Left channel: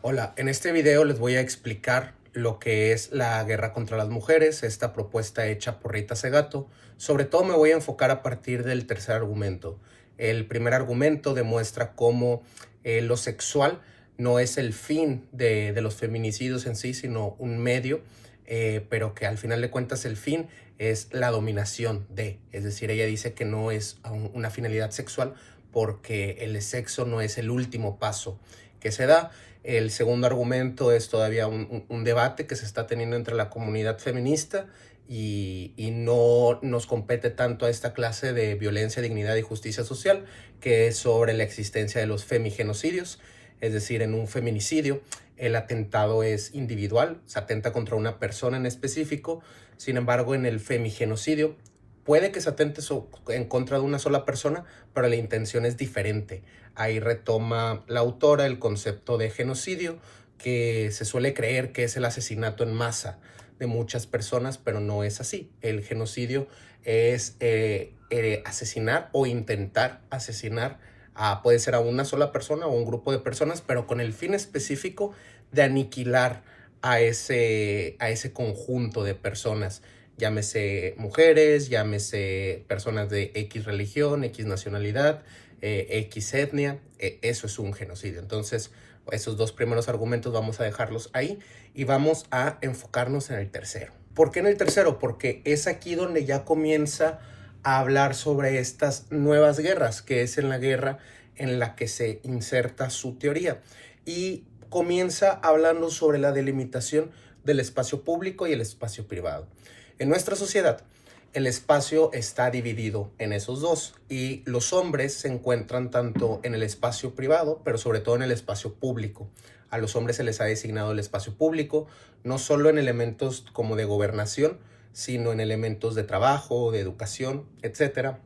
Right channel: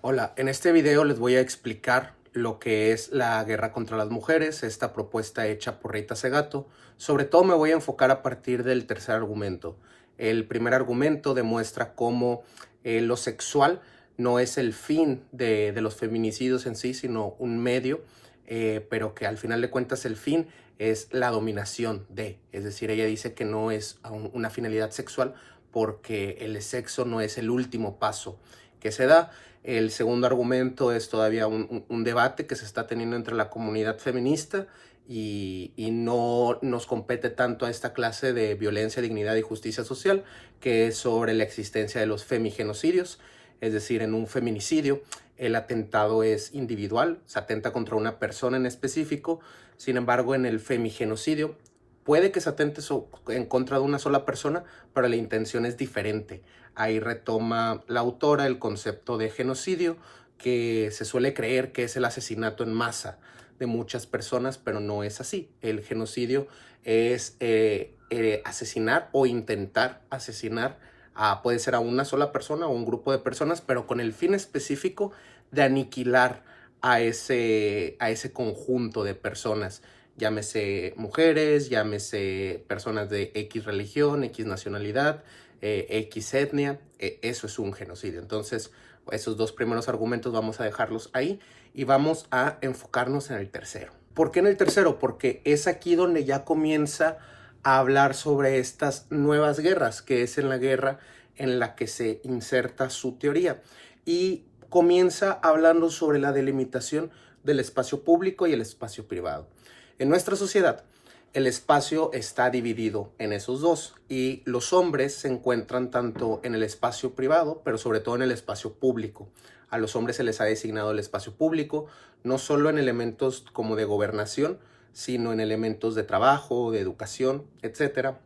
Hola, en este video les voy a explicar lo que es la guerra contra las mujeres, esta propuesta hecha por Rita Segato. Sobre todo me voy a enfocar a partir del tercer argumento. El primer argumento demuestra cómo lo sexual no es el fin de los feminicidios en sí, sino un medio, pero que al final de cuentas el fin es la dominación de. Es decir, ella dice que no es una finalidad sexual porque el sexo no es el último paso que se da. El segundo argumento es todavía un debate que se está teniendo entre la comunidad feminista y no nos compete tanto a esta clase de violencia, dignidad y justicia social, que es sobre la existencia de los femigenocidios. Es decir, en un feminicidio el atentado es individual, se atenta contra una persona en específico. Sin embargo, en el femigenocidio puede que se atente en contra de una sola persona, pero la intención es diferente. Ahí retoma la autora el concepto de genocidio, que se suele creer que es el asesinato en masa de muchas personas, pero no es así. El genocidio es asesinar o intentar asesinar puede ser a una sola persona o un grupo de personas, pero con el fin específico de aniquilar a ese conjunto de personas. Llámese mujeres, llámese personas de X religión, X nacionalidad, X etnia. Eso es un genocidio. Entonces, esos dos primeros argumentos vamos a dejarlos ahí y vamos a enfocarnos en el tercero. ¿Por qué en el tercero? Porque es aquí donde ya comienza a hablar sobre estas nuevas guerras, que es en la guerra en la que se inserta su teoría. Y comienza hablando sobre la delimitación del espacio público y el espacio privado. En nuestra sociedad, el espacio está dividido en esos dos y los hombres se encuentran tanto en el espacio privado, pero sobre todo en el espacio público. A los hombres se les ha designado el espacio público, no solo en elementos como de gobernación, sino en elementos de trabajo, de educación, etcétera.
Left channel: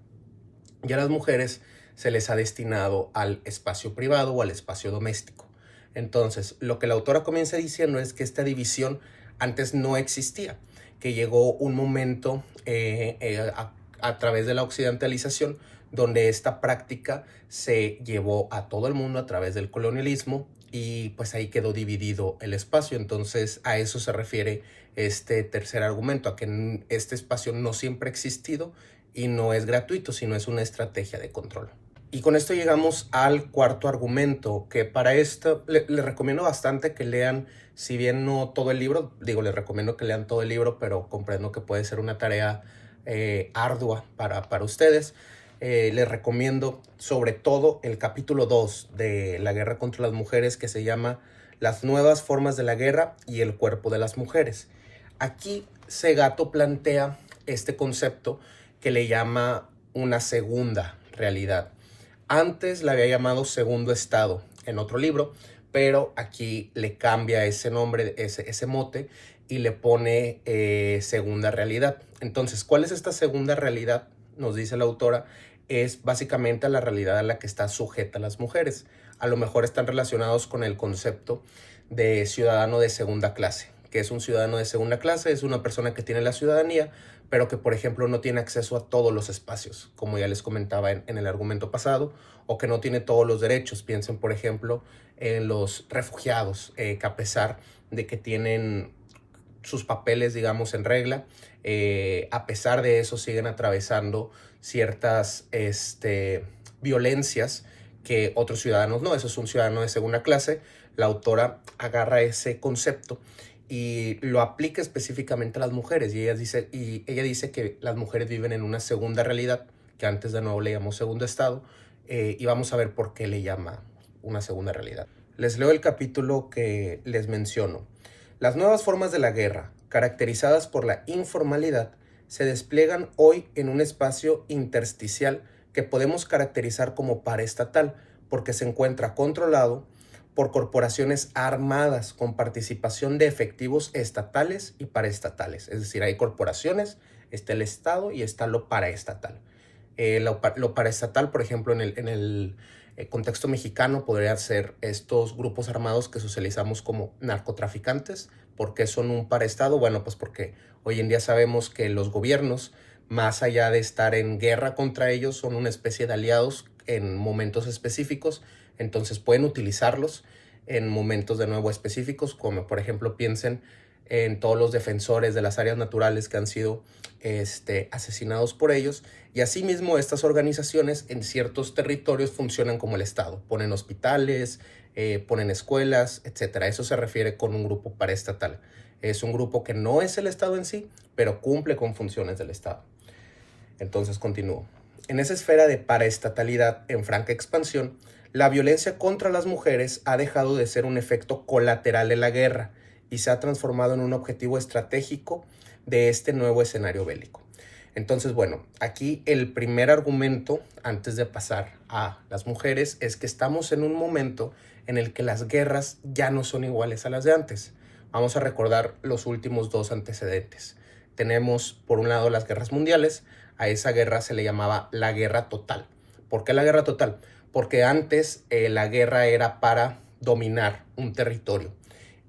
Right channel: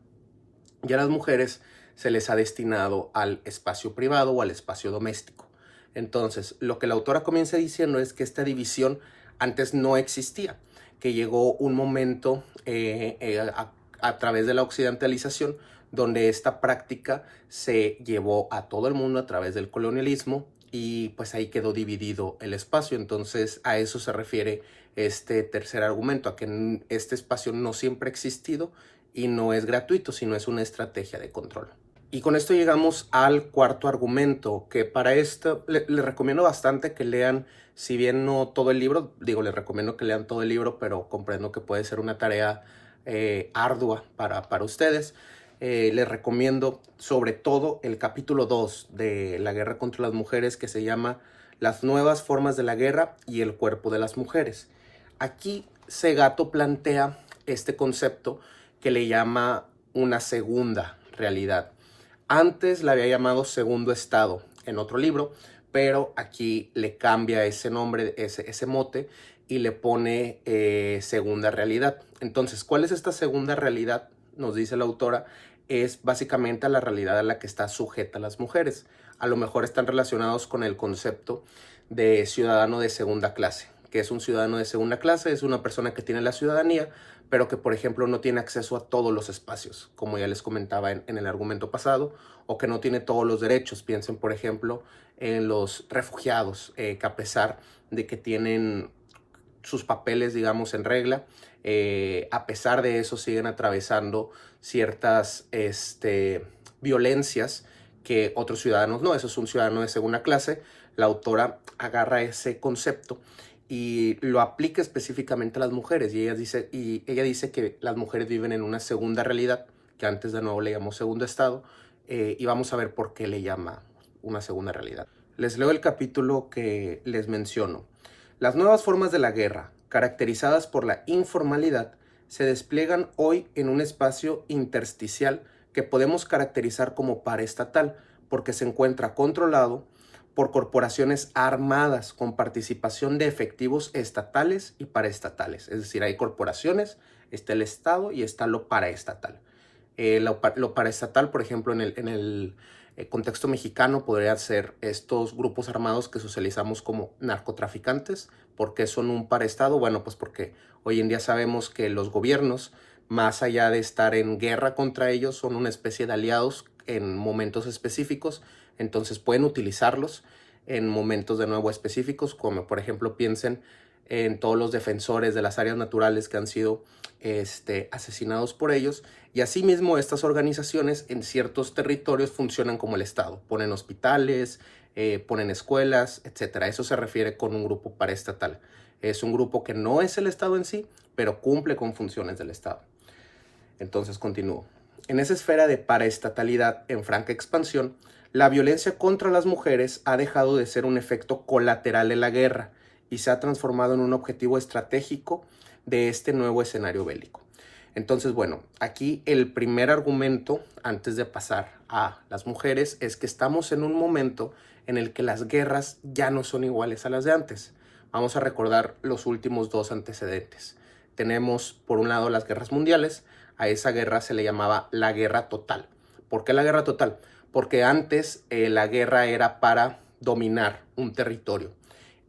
Y a las mujeres se les ha destinado al espacio privado o al espacio doméstico. Entonces, lo que la autora comienza diciendo es que esta división antes no existía, que llegó un momento a través de la occidentalización donde esta práctica se llevó a todo el mundo a través del colonialismo y pues ahí quedó dividido el espacio. Entonces a eso se refiere este tercer argumento, a que este espacio no siempre ha existido y no es gratuito, sino es una estrategia de control. Y con esto llegamos al cuarto argumento, que para esto les recomiendo bastante que lean, si bien no todo el libro, les recomiendo que lean todo el libro, pero comprendo que puede ser una tarea ardua para ustedes. Les recomiendo sobre todo el capítulo 2 de La guerra contra las mujeres, que se llama Las nuevas formas de la guerra y el cuerpo de las mujeres. Aquí Segato plantea este concepto que le llama una segunda realidad. Antes la había llamado segundo estado en otro libro, pero aquí le cambia ese nombre, ese mote, y le pone segunda realidad. Entonces, ¿cuál es esta segunda realidad? Nos dice la autora, es básicamente la realidad a la que está sujeta las mujeres. A lo mejor están relacionados con el concepto de ciudadano de segunda clase. Que es un ciudadano de segunda clase? Es una persona que tiene la ciudadanía, pero que, por ejemplo, no tiene acceso a todos los espacios, como ya les comentaba en el argumento pasado, o que no tiene todos los derechos. Piensen, por ejemplo, en los refugiados, que a pesar de que tienen sus papeles, digamos, en regla, a pesar de eso siguen atravesando ciertas violencias que otros ciudadanos no. Eso es un ciudadano de segunda clase. La autora agarra ese concepto y lo aplica específicamente a las mujeres. Y ella dice que las mujeres viven en una segunda realidad, que antes de nuevo le llamó segundo estado, y vamos a ver por qué le llama una segunda realidad. Les leo el capítulo que les menciono. Las nuevas formas de la guerra, caracterizadas por la informalidad, se despliegan hoy en un espacio intersticial que podemos caracterizar como paraestatal, porque se encuentra controlado por corporaciones armadas con participación de efectivos estatales y paraestatales. Es decir, hay corporaciones, está el Estado y está lo paraestatal. Lo paraestatal, por ejemplo, en el contexto mexicano podría ser estos grupos armados que socializamos como narcotraficantes. ¿Por qué son un paraestado? Bueno, pues porque hoy en día sabemos que los gobiernos, más allá de estar en guerra contra ellos, son una especie de aliados en momentos específicos, entonces pueden utilizarlos en momentos de nuevo específicos, como por ejemplo piensen en todos los defensores de las áreas naturales que han sido asesinados por ellos. Y asimismo, estas organizaciones en ciertos territorios funcionan como el Estado. Ponen hospitales, ponen escuelas, etc. Eso se refiere con un grupo paraestatal. Es un grupo que no es el Estado en sí, pero cumple con funciones del Estado. Entonces continúo. En esa esfera de paraestatalidad en franca expansión, la violencia contra las mujeres ha dejado de ser un efecto colateral de la guerra y se ha transformado en un objetivo estratégico de este nuevo escenario bélico. Entonces, bueno, aquí el primer argumento, antes de pasar a las mujeres, es que estamos en un momento en el que las guerras ya no son iguales a las de antes. Vamos a recordar los últimos dos antecedentes. Tenemos, por un lado, las guerras mundiales. A esa guerra se le llamaba la guerra total. ¿Por qué la guerra total? Porque antes la guerra era para dominar un territorio.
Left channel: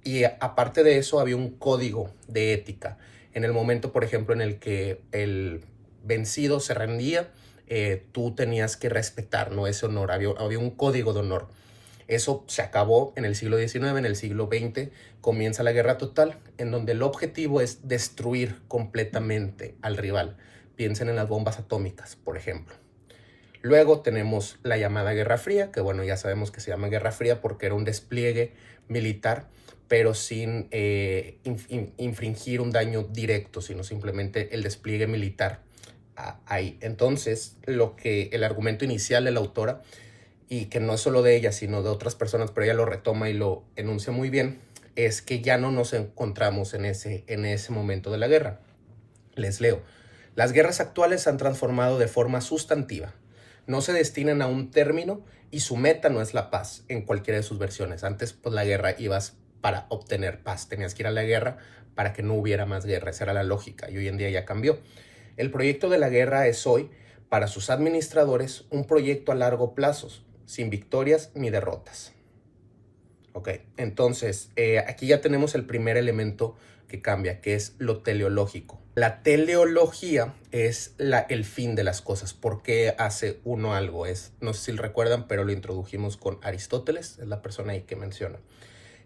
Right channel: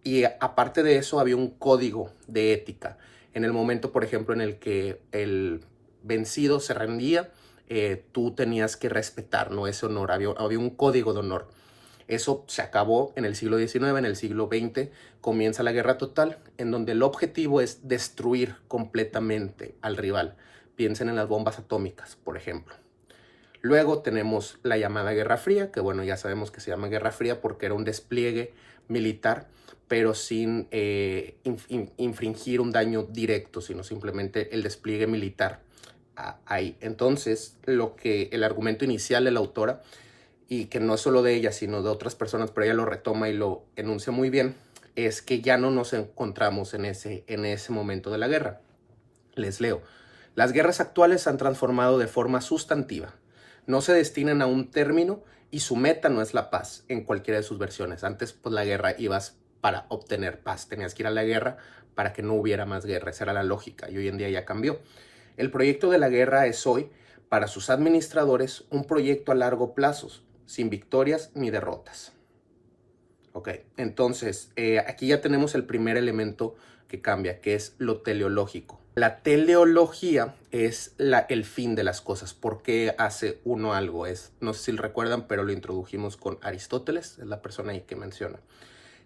Y aparte de eso había un código de ética. En el momento, por ejemplo, en el que el vencido se rendía, tú tenías que respetar, ¿no?, ese honor. Había un código de honor. Eso se acabó en el siglo XIX. En el siglo XX comienza la guerra total, en donde el objetivo es destruir completamente al rival. Piensen en las bombas atómicas, por ejemplo. Luego tenemos la llamada Guerra Fría, que bueno, ya sabemos que se llama Guerra Fría porque era un despliegue militar, pero sin infringir un daño directo, sino simplemente el despliegue militar ahí. Entonces, lo que el argumento inicial de la autora, y que no es solo de ella, sino de otras personas, pero ella lo retoma y lo enuncia muy bien, es que ya no nos encontramos en ese momento de la guerra. Les leo. Las guerras actuales se han transformado de forma sustantiva. No se destinan a un término y su meta no es la paz en cualquiera de sus versiones. Antes, pues la guerra ibas para obtener paz. Tenías que ir a la guerra para que no hubiera más guerra. Esa era la lógica y hoy en día ya cambió. El proyecto de la guerra es hoy, para sus administradores, un proyecto a largo plazo, sin victorias ni derrotas. Ok, entonces aquí ya tenemos el primer elemento que cambia, que es lo teleológico. La teleología es el fin de las cosas. ¿Por qué hace uno algo? No sé si lo recuerdan, pero lo introdujimos con Aristóteles, es la persona ahí que menciona.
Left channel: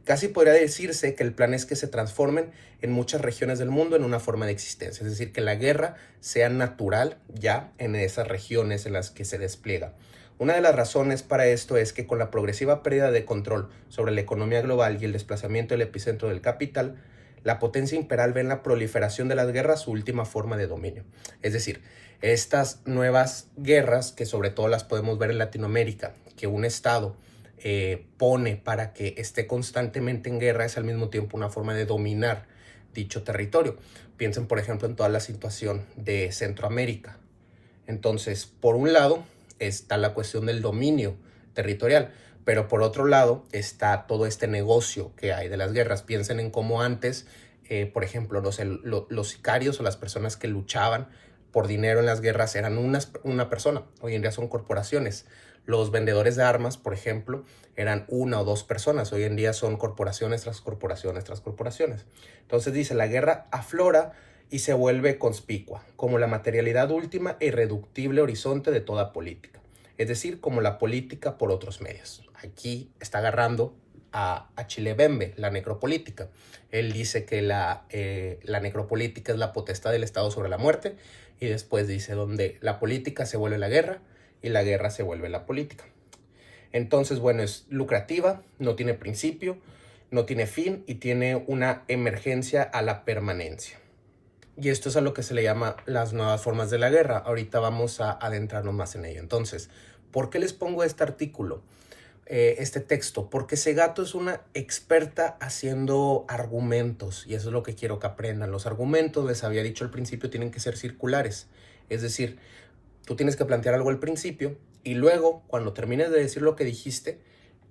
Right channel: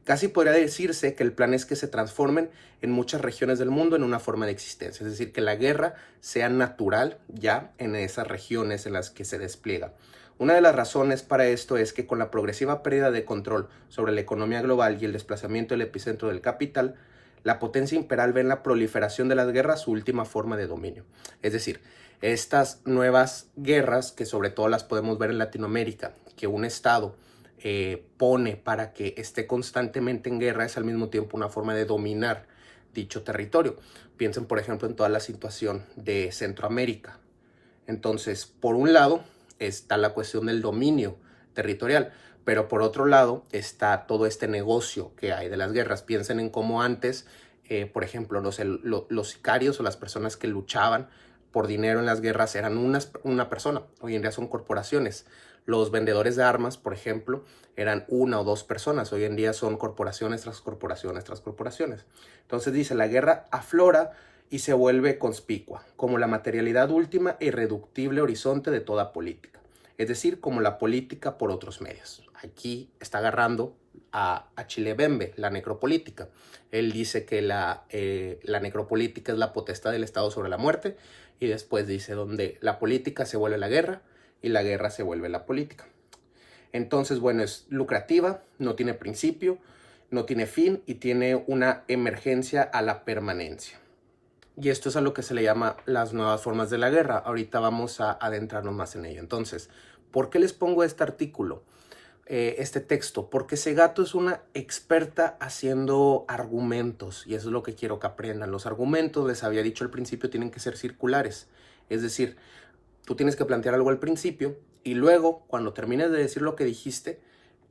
Casi podría decirse que el plan es que se transformen en muchas regiones del mundo en una forma de existencia. Es decir, que la guerra sea natural ya en esas regiones en las que se despliega. Una de las razones para esto es que con la progresiva pérdida de control sobre la economía global y el desplazamiento del epicentro del capital, la potencia imperial ve en la proliferación de las guerras su última forma de dominio. Es decir, estas nuevas guerras, que sobre todo las podemos ver en Latinoamérica, que un Estado pone para que esté constantemente en guerra, es al mismo tiempo una forma de dominar dicho territorio. Piensen, por ejemplo, en toda la situación de Centroamérica. Entonces, por un lado está la cuestión del dominio territorial, pero por otro lado está todo este negocio que hay de las guerras. Piensen en cómo antes, por ejemplo, los sicarios o las personas que luchaban por dinero en las guerras eran una persona. Hoy en día son corporaciones. Los vendedores de armas, por ejemplo, eran una o dos personas. Hoy en día son corporaciones tras corporaciones tras corporaciones. Entonces dice, la guerra aflora y se vuelve conspicua, como la materialidad última e irreductible horizonte de toda política. Es decir, como la política por otros medios. Aquí está agarrando a Chilebembe, la necropolítica. Él dice que la necropolítica es la potestad del Estado sobre la muerte, y después dice donde la política se vuelve la guerra y la guerra se vuelve la política. Entonces, bueno, es lucrativa, no tiene principio, no tiene fin y tiene una emergencia a la permanencia. Y esto es a lo que se le llama las nuevas formas de la guerra. Ahorita vamos a adentrarnos más en ello. Entonces, ¿por qué les pongo este artículo, este texto? Porque Segato es una experta haciendo argumentos y eso es lo que quiero que aprendan. Los argumentos, les había dicho al principio, tienen que ser circulares. Es decir, tú tienes que plantear algo al principio y luego, cuando termines de decir lo que dijiste,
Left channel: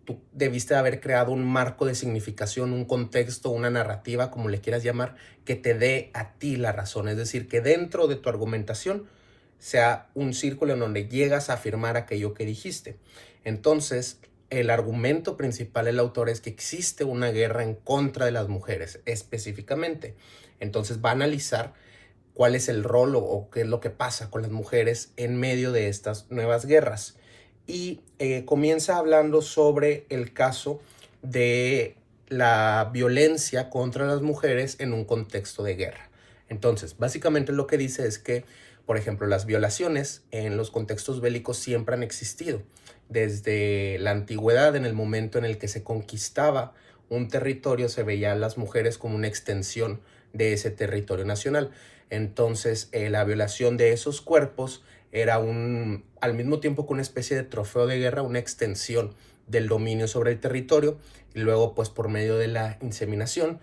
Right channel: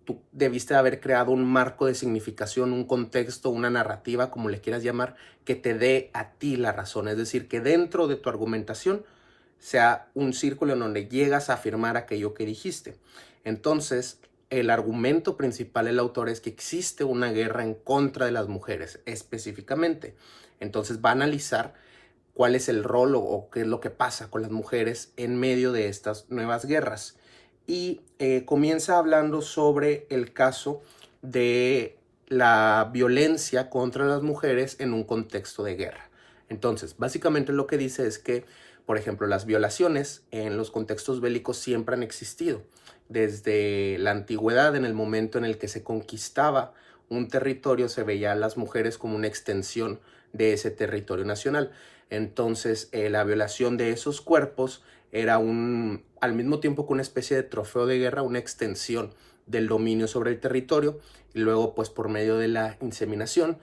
tú debiste haber creado un marco de significación, un contexto, una narrativa, como le quieras llamar, que te dé a ti la razón. Es decir, que dentro de tu argumentación sea un círculo en donde llegas a afirmar aquello que dijiste. Entonces, el argumento principal del autor es que existe una guerra en contra de las mujeres, específicamente. Entonces va a analizar cuál es el rol o qué es lo que pasa con las mujeres en medio de estas nuevas guerras. Y comienza hablando sobre el caso de la violencia contra las mujeres en un contexto de guerra. Entonces, básicamente lo que dice es que, por ejemplo, las violaciones en los contextos bélicos siempre han existido. Desde la antigüedad, en el momento en el que se conquistaba un territorio, se veía a las mujeres como una extensión de ese territorio nacional. Entonces, la violación de esos cuerpos era al mismo tiempo que una especie de trofeo de guerra, una extensión del dominio sobre el territorio, y luego pues por medio de la inseminación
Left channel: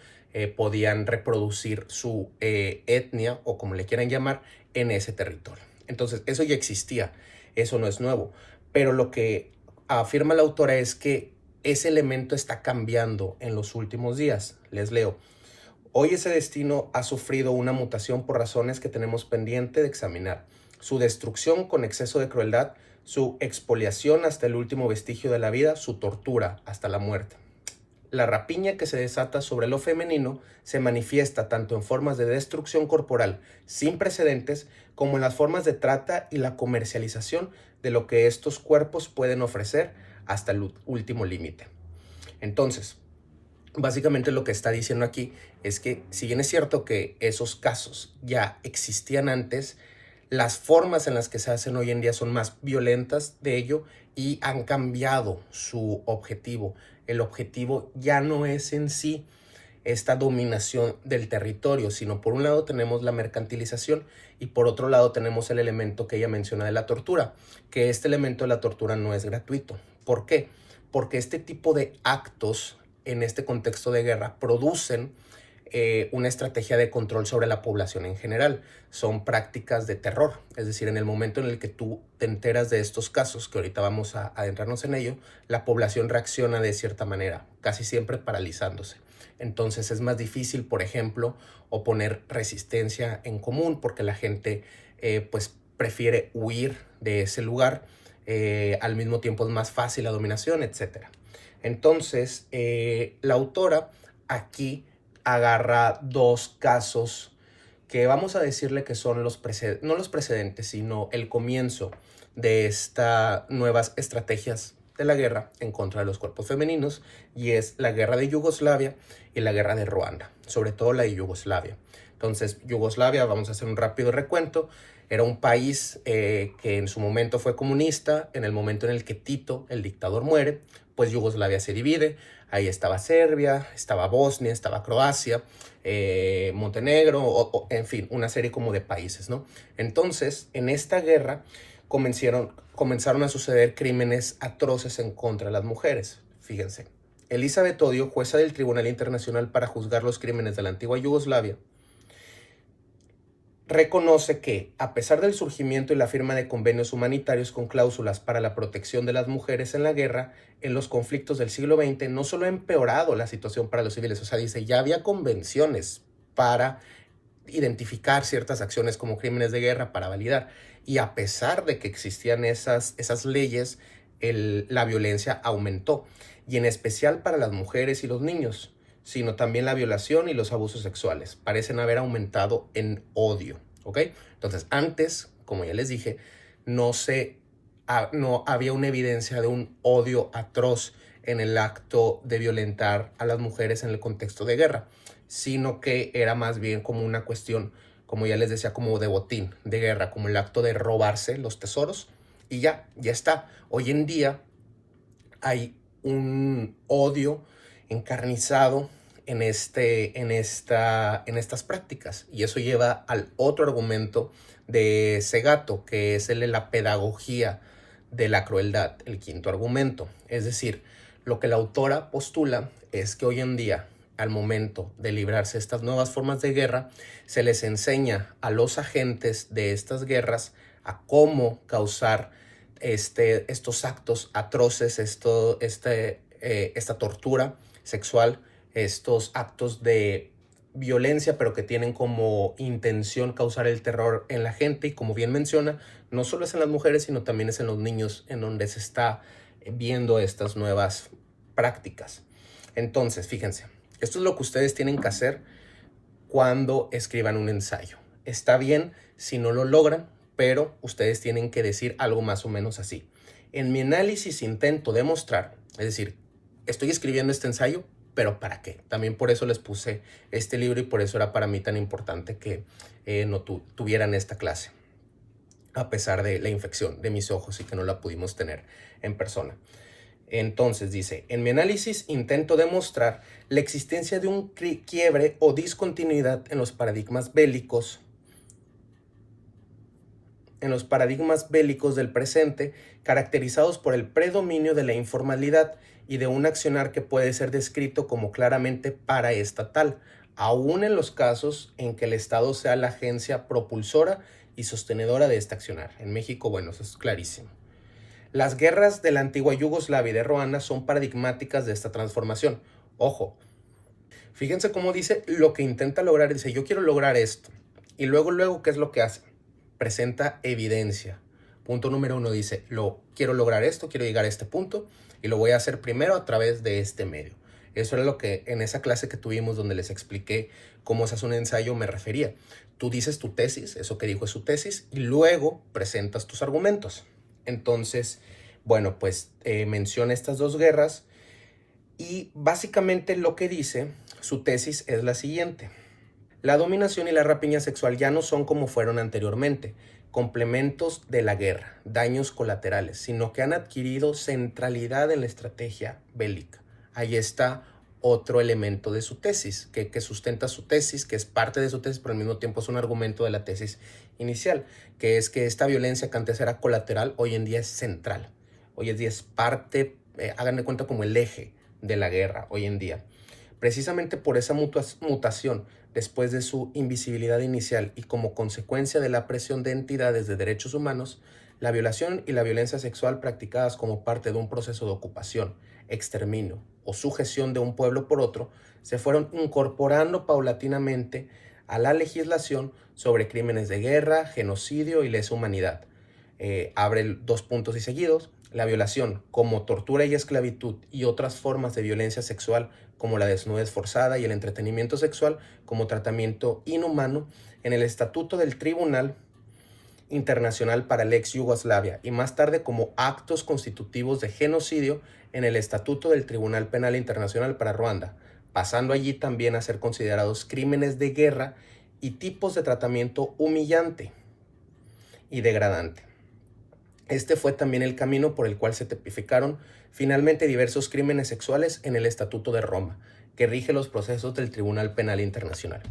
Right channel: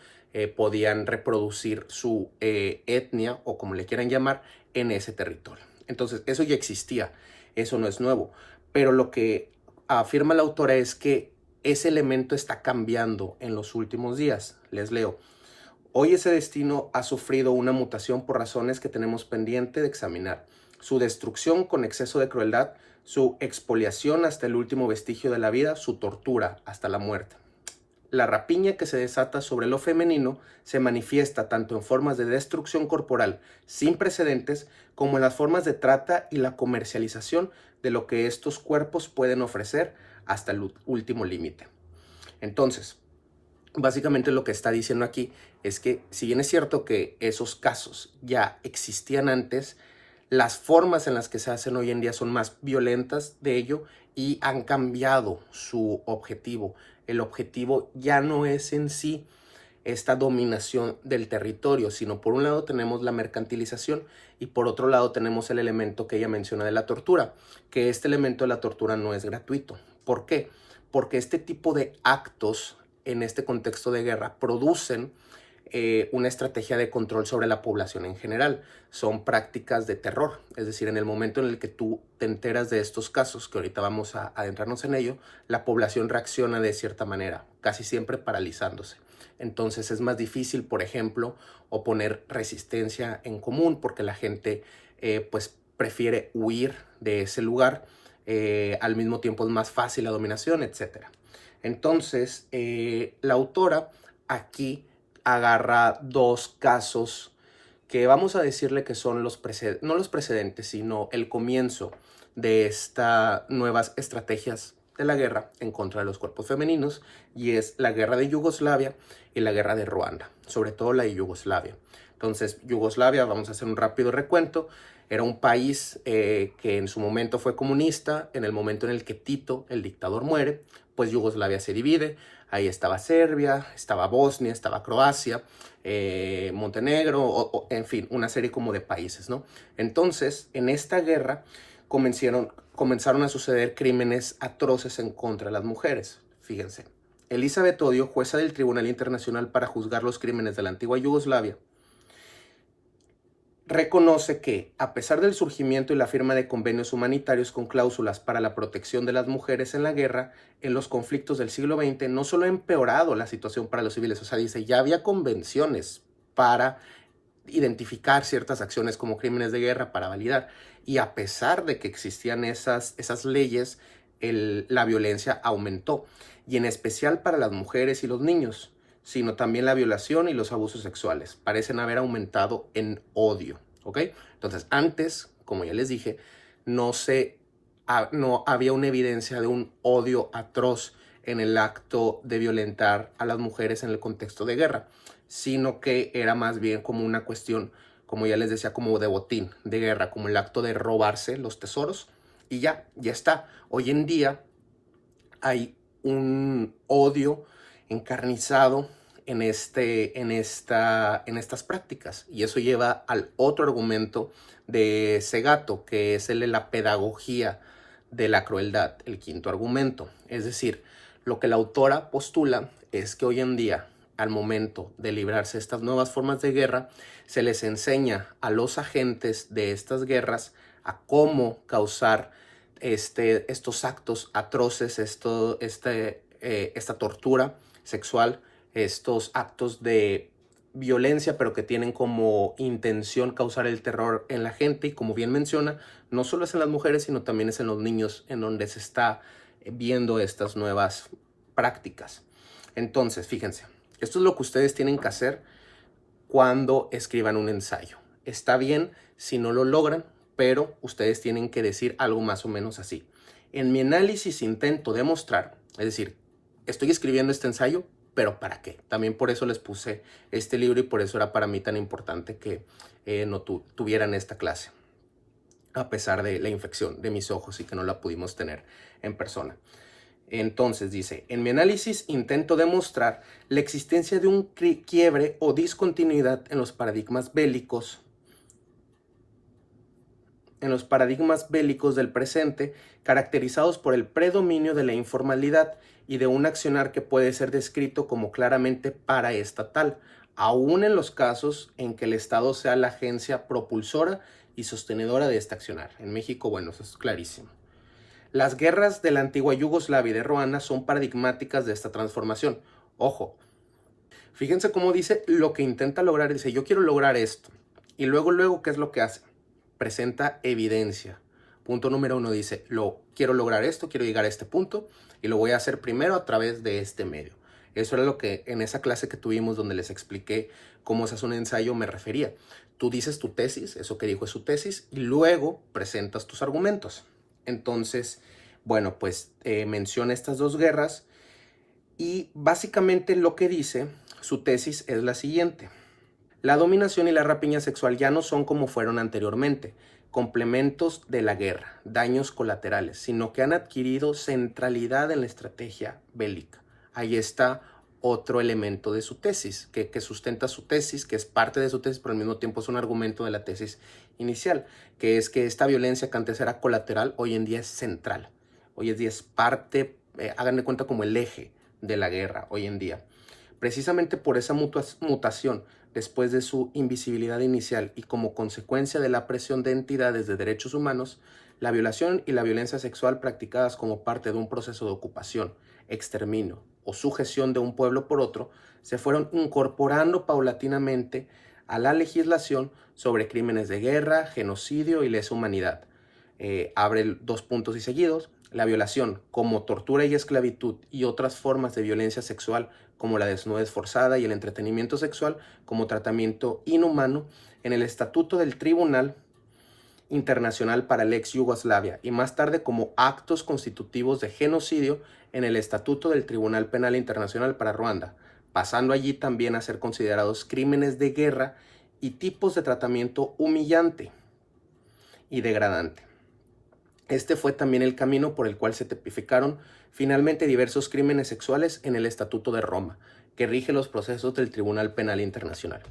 podían reproducir su etnia o como le quieran llamar en ese territorio. Entonces eso ya existía, eso no es nuevo, pero lo que afirma la autora es que ese elemento está cambiando en los últimos días. Les leo: hoy ese destino ha sufrido una mutación por razones que tenemos pendiente de examinar. Su destrucción con exceso de crueldad, su expoliación hasta el último vestigio de la vida, su tortura hasta la muerte. La rapiña que se desata sobre lo femenino se manifiesta tanto en formas de destrucción corporal sin precedentes como en las formas de trata y la comercialización de lo que estos cuerpos pueden ofrecer hasta el último límite. Entonces, básicamente lo que está diciendo aquí es que si bien es cierto que esos casos ya existían antes, las formas en las que se hacen hoy en día son más violentas de ello y han cambiado su objetivo. El objetivo ya no es en sí esta dominación del territorio, sino por un lado tenemos la mercantilización y por otro lado tenemos el elemento que ella menciona de la tortura, que este elemento de la tortura no es gratuito. ¿Por qué? Porque este tipo de actos en este contexto de guerra producen una estrategia de control sobre la población en general. Son prácticas de terror, es decir, en el momento en el que tú te enteras de estos casos, que ahorita vamos a adentrarnos en ello, la población reacciona de cierta manera, casi siempre paralizándose. Entonces es más difícil, por ejemplo, oponer resistencia en común porque la gente pues prefiere huir de ese lugar. Al mismo tiempo es más fácil la dominación, etc. Entonces, la autora aquí agarra dos casos que vamos a decirle que son no los precedentes, sino el comienzo de estas nuevas estrategias de la guerra en contra de los cuerpos femeninos, y es la guerra de Yugoslavia y la guerra de Ruanda, sobre todo la de Yugoslavia. Entonces, Yugoslavia, vamos a hacer un rápido recuento, era un país que en su momento fue comunista. En el momento en el que Tito, el dictador, muere, pues Yugoslavia se divide. Ahí estaba Serbia, estaba Bosnia, estaba Croacia, Montenegro, en fin, una serie como de países, ¿no? Entonces, en esta guerra comenzaron a suceder crímenes atroces en contra de las mujeres. Fíjense, Elizabeth Odio, jueza del Tribunal Internacional para juzgar los crímenes de la antigua Yugoslavia, reconoce que, a pesar del surgimiento y la firma de convenios humanitarios con cláusulas para la protección de las mujeres en la guerra, en los conflictos del siglo XX no solo ha empeorado la situación para los civiles, o sea, dice, ya había convenciones para identificar ciertas acciones como crímenes de guerra para validar, y a pesar de que existían esas leyes, la violencia aumentó, y en especial para las mujeres y los niños, sino también la violación y los abusos sexuales parecen haber aumentado en odio, ¿ok? Entonces, antes, como ya les dije, no había una evidencia de un odio atroz en el acto de violentar a las mujeres en el contexto de guerra, sino que era más bien como una cuestión, como ya les decía, como de botín, de guerra, como el acto de robarse los tesoros, y ya está. Hoy en día hay un odio encarnizado en estas prácticas, y eso lleva al otro argumento de Segato, que es el de la pedagogía de la crueldad, el quinto argumento. Es decir, lo que la autora postula es que hoy en día, al momento de librarse estas nuevas formas de guerra, se les enseña a los agentes de estas guerras a cómo causar estos actos atroces, esta tortura sexual, estos actos de violencia, pero que tienen como intención causar el terror en la gente. Y como bien menciona, no solo es en las mujeres, sino también es en los niños en donde se está viendo estas nuevas prácticas. Entonces, fíjense, esto es lo que ustedes tienen que hacer cuando escriban un ensayo. Está bien si no lo logran, pero ustedes tienen que decir algo más o menos así: en mi análisis intento demostrar, es decir, estoy escribiendo este ensayo, pero ¿para qué? También por eso les puse este libro y por eso era para mí tan importante que no tuvieran esta clase, a pesar de la infección de mis ojos y que no la pudimos tener en persona. Entonces dice, en mi análisis intento demostrar la existencia de un quiebre o discontinuidad en los paradigmas bélicos del presente, caracterizados por el predominio de la informalidad y de un accionar que puede ser descrito como claramente paraestatal, aun en los casos en que el Estado sea la agencia propulsora y sostenedora de este accionar. En México, bueno, eso es clarísimo. Las guerras de la antigua Yugoslavia y de Ruanda son paradigmáticas de esta transformación. Ojo, fíjense cómo dice lo que intenta lograr. Dice, yo quiero lograr esto. Y luego, ¿qué es lo que hace? Presenta evidencia. Punto número 1 dice, quiero lograr esto, quiero llegar a este punto y lo voy a hacer primero a través de este medio. Eso era lo que en esa clase que tuvimos donde les expliqué cómo se hace un ensayo me refería. Tú dices tu tesis, eso que dijo es su tesis, y luego presentas tus argumentos. Entonces, bueno, pues menciona estas dos guerras y básicamente lo que dice su tesis es la siguiente. La dominación y la rapiña sexual ya no son como fueron anteriormente, complementos de la guerra, daños colaterales, sino que han adquirido centralidad en la estrategia bélica. Ahí está otro elemento de su tesis, que sustenta su tesis, que es parte de su tesis, pero al mismo tiempo es un argumento de la tesis inicial, que es que esta violencia que antes era colateral, hoy en día es central. Hoy en día es parte, hagan de cuenta como el eje de la guerra hoy en día. Precisamente por esa mutación, después de su invisibilidad inicial y como consecuencia de la presión de entidades de derechos humanos, la violación y la violencia sexual practicadas como parte de un proceso de ocupación, exterminio o sujeción de un pueblo por otro, se fueron incorporando paulatinamente a la legislación sobre crímenes de guerra, genocidio y lesa humanidad. Abre dos puntos y seguidos. La violación como tortura y esclavitud y otras formas de violencia sexual como la desnudez forzada y el entretenimiento sexual como tratamiento inhumano en el Estatuto del Tribunal Internacional para la ex Yugoslavia y más tarde como actos constitutivos de genocidio en el Estatuto del Tribunal Penal Internacional para Ruanda, pasando allí también a ser considerados crímenes de guerra y tipos de tratamiento humillante y degradante. Este fue también el camino por el cual se tipificaron finalmente diversos crímenes sexuales en el Estatuto de Roma, que rige los procesos del Tribunal Penal Internacional.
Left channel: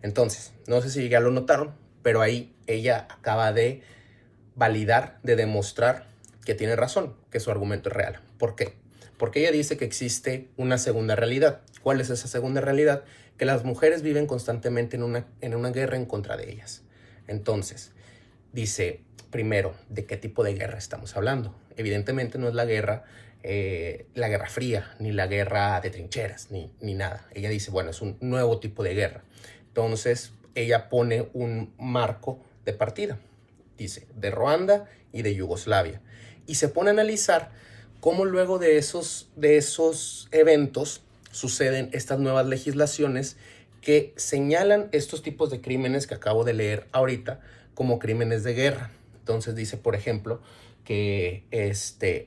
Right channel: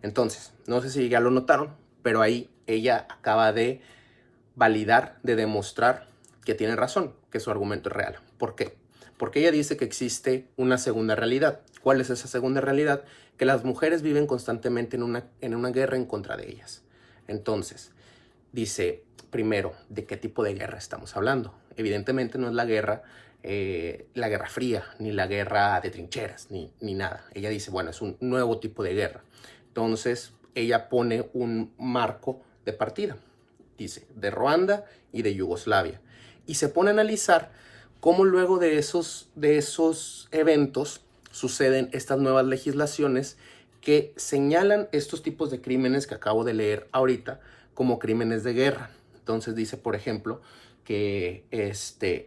Entonces, no sé si ya lo notaron, pero ahí ella acaba de validar, de demostrar que tiene razón, que su argumento es real. ¿Por qué? Porque ella dice que existe una segunda realidad. ¿Cuál es esa segunda realidad? Que las mujeres viven constantemente en una guerra en contra de ellas. Entonces, dice, primero, ¿de qué tipo de guerra estamos hablando? Evidentemente no es la guerra fría, ni la guerra de trincheras, ni nada. Ella dice, bueno, es un nuevo tipo de guerra. Entonces, ella pone un marco de partida. Dice, de Ruanda y de Yugoslavia. Y se pone a analizar cómo luego de esos eventos suceden estas nuevas legislaciones que señalan estos tipos de crímenes que acabo de leer ahorita como crímenes de guerra. Entonces dice, por ejemplo, que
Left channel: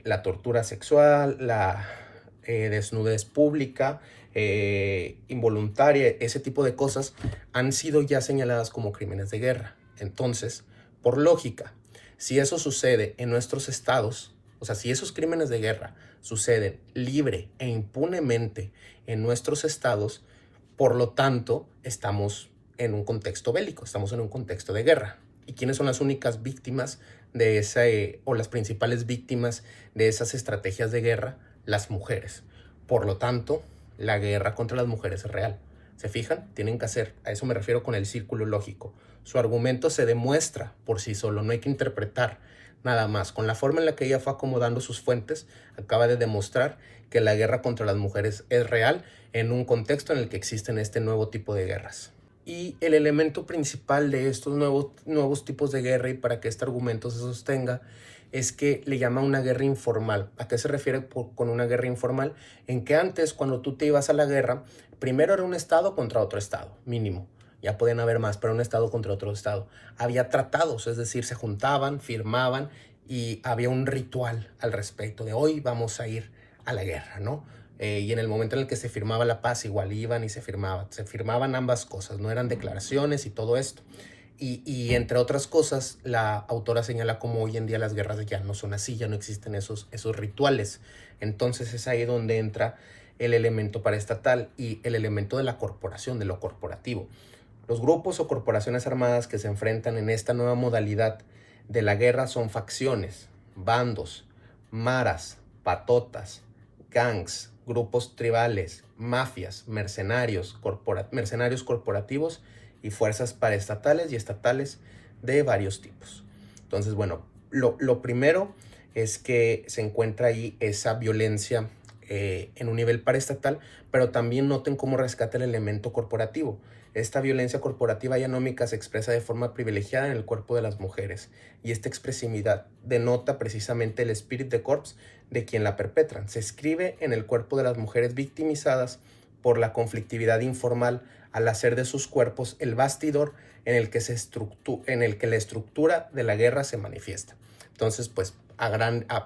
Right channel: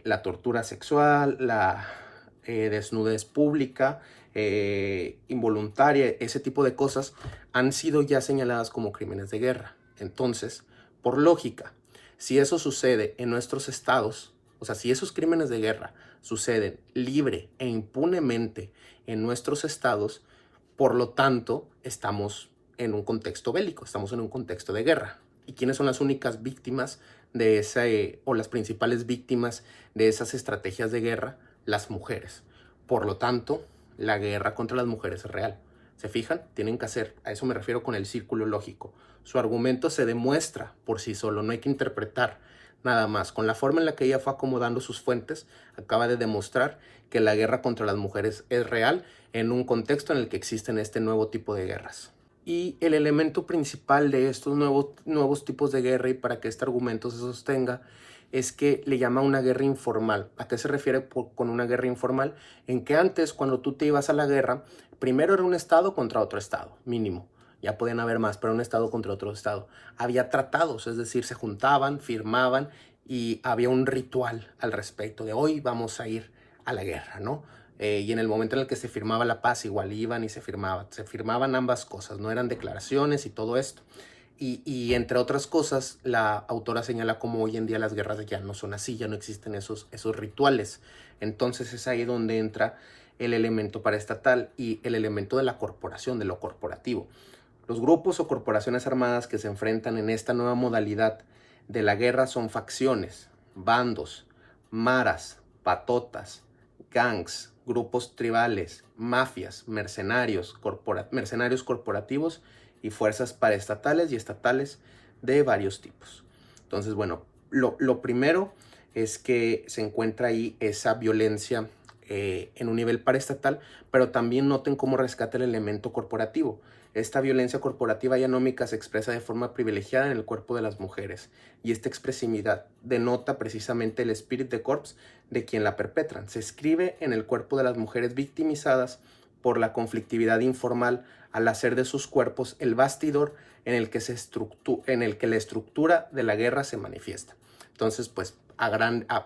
la tortura sexual, la desnudez pública, involuntaria, ese tipo de cosas han sido ya señaladas como crímenes de guerra. Entonces, por lógica, si eso sucede en nuestros estados, o sea, si esos crímenes de guerra suceden libre e impunemente en nuestros estados, por lo tanto, estamos en un contexto bélico, estamos en un contexto de guerra. ¿Y quiénes son las únicas víctimas de o las principales víctimas de esas estrategias de guerra? Las mujeres. Por lo tanto, la guerra contra las mujeres es real. ¿Se fijan? Tienen que hacer, a eso me refiero con el círculo lógico. Su argumento se demuestra por sí solo, no hay que interpretar nada más. Con la forma en la que ella fue acomodando sus fuentes, acaba de demostrar que la guerra contra las mujeres es real en un contexto en el que existen este nuevo tipo de guerras. Y el elemento principal de estos nuevos tipos de guerra y para que este argumento se sostenga es que le llama una guerra informal. ¿A qué se refiere con una guerra informal? En que antes, cuando tú te ibas a la guerra, primero era un estado contra otro estado, mínimo. Ya podían haber más, pero un estado contra otro estado. Había tratados, es decir, se juntaban, firmaban y había un ritual al respecto de hoy vamos a ir a la guerra, ¿no? y en el momento en el que se firmaba la paz igual iban y se firmaban ambas cosas, no eran declaraciones y todo esto. Y entre otras cosas, la autora señala cómo hoy en día las guerras ya no son así, ya no existen esos rituales. Entonces es ahí donde entra el elemento paraestatal y el elemento de la corporación, de lo corporativo. Los grupos o corporaciones armadas que se enfrentan en esta nueva modalidad de la guerra son facciones, bandos, maras, patotas, gangs, grupos tribales, mafias, mercenarios corporativos y fuerzas paraestatales y estatales de varios tipos. Entonces, bueno, lo primero es que se encuentra ahí esa violencia en un nivel paraestatal, pero también noten cómo rescata el elemento corporativo. Esta violencia corporativa y anómica se expresa de forma privilegiada en el cuerpo de las mujeres, y esta expresividad denota precisamente el spirit de corps de quien la perpetran. Se escribe en el cuerpo de las mujeres victimizadas por la conflictividad informal al hacer de sus cuerpos el bastidor en el que la estructura de la guerra se manifiesta. Entonces, pues,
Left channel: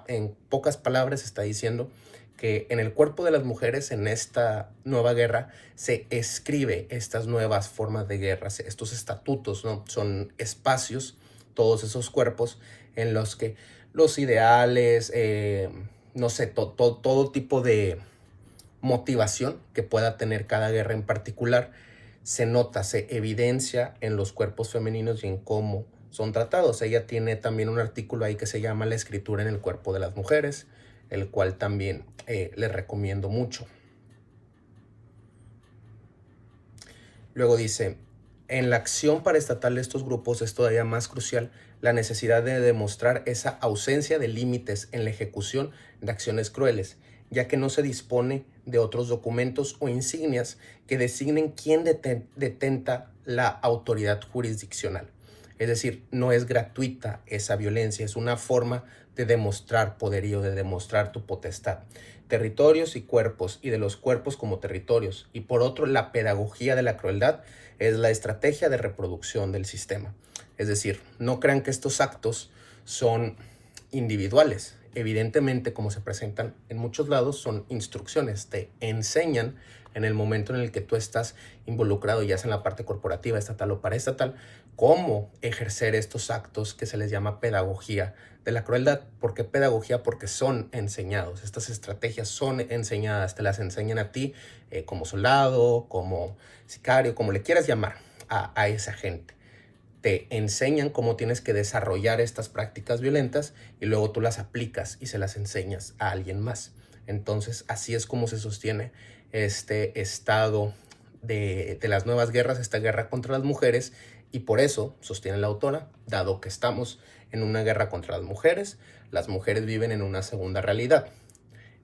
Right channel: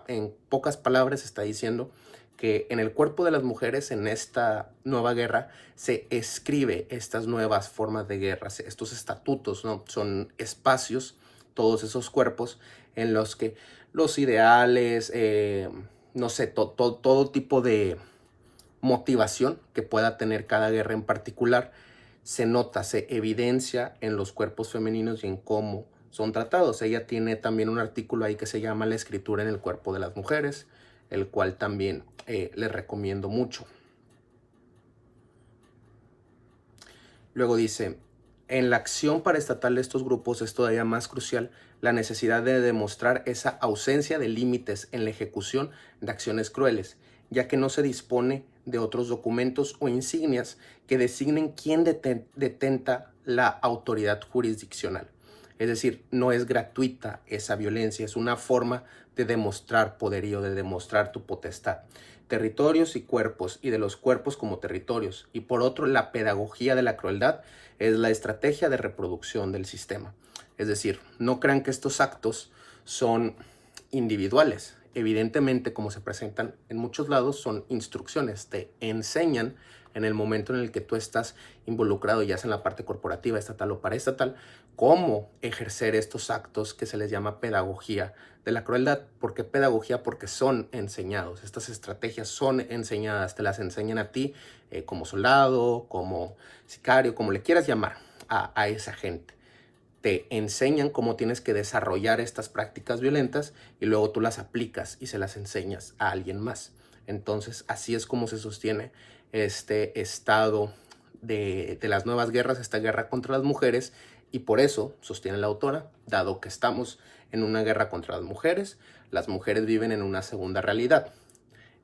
en pocas palabras está diciendo que en el cuerpo de las mujeres en esta nueva guerra se escribe estas nuevas formas de guerra, estos estatutos, ¿no? Son espacios, todos esos cuerpos en los que los ideales, no sé, todo tipo de motivación que pueda tener cada guerra en particular, se nota, se evidencia en los cuerpos femeninos y en cómo son tratados. Ella tiene también un artículo ahí que se llama La escritura en el cuerpo de las mujeres, el cual también les recomiendo mucho. Luego dice, en la acción paraestatal de estos grupos es todavía más crucial la necesidad de demostrar esa ausencia de límites en la ejecución de acciones crueles, ya que no se dispone de otros documentos o insignias que designen quién detenta la autoridad jurisdiccional. Es decir, no es gratuita esa violencia, es una forma de demostrar poderío, de demostrar tu potestad. Territorios y cuerpos, y de los cuerpos como territorios. Y por otro, la pedagogía de la crueldad es la estrategia de reproducción del sistema. Es decir, no crean que estos actos son individuales. Evidentemente, como se presentan en muchos lados, son instrucciones, te enseñan en el momento en el que tú estás involucrado, ya sea en la parte corporativa, estatal o paraestatal, cómo ejercer estos actos que se les llama pedagogía de la crueldad. ¿Por qué pedagogía? Porque son enseñados, estas estrategias son enseñadas, te las enseñan a ti como soldado, como sicario, como le quieras llamar a esa gente. Te enseñan cómo tienes que desarrollar estas prácticas violentas y luego tú las aplicas y se las enseñas a alguien más. Entonces, así es como se sostiene este estado de las nuevas guerras, esta guerra contra las mujeres, y por eso, sostiene la autora, dado que estamos en una guerra contra las mujeres viven en una segunda realidad.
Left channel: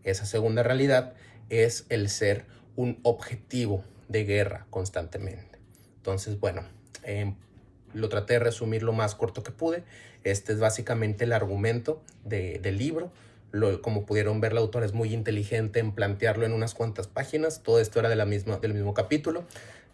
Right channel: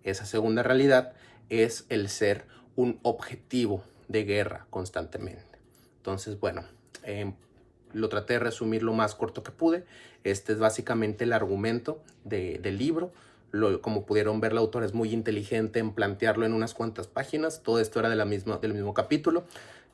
Esa segunda realidad es el ser un objetivo de guerra constantemente. Entonces, bueno, lo traté de resumir lo más corto que pude. Este es básicamente el argumento del libro. Como pudieron ver, la autora es muy inteligente en plantearlo en unas cuantas páginas. Todo esto era del mismo capítulo.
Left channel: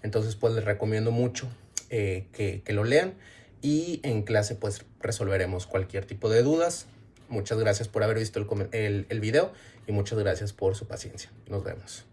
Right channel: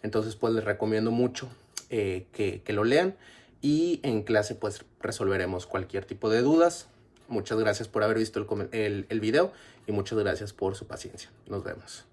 Entonces, pues les recomiendo mucho que lo lean. Y en clase, pues resolveremos cualquier tipo de dudas. Muchas gracias por haber visto el video y muchas gracias por su paciencia. Nos vemos.